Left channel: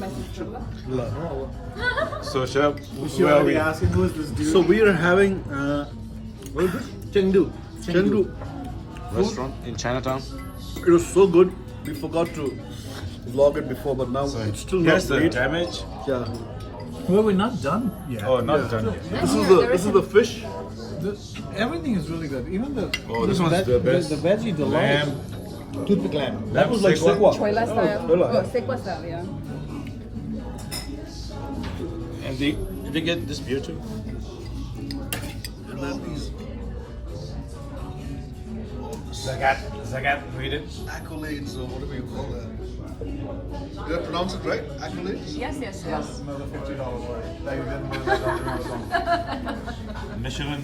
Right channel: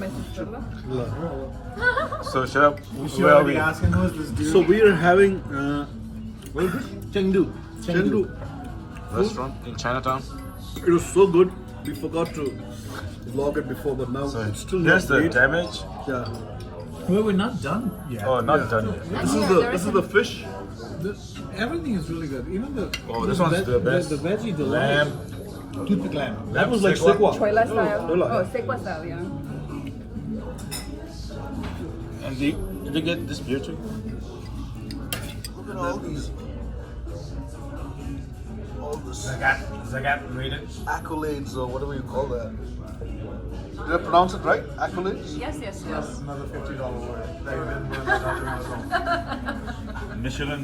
my sister. So, Chef, where are we? Asking who is this dude? So we are having what is it? Chengdu. Chengdu. Restaurant in Chinatown. It was so good. We forgot to vlog it before, but now So, it's still here's not the great. damage. Yeah. Well, we're not done yet. Oh, not done yet. This is the fish. Everything is really good. Even the Oh, this one's the best. The veggie, the Lamb. toothpick lamb. That Lamb was like sekwa. sekwa. Choila style. Choila, Oh, yeah. sekwa style, yeah. And did they get this beer too? Look at all these. All the Zagat rated. accolades or whatever you call that. Did I pronounce it right? Accolades? Yes, yes, yes. Another $50 word that you didn't learn that on Amazon. Michelin.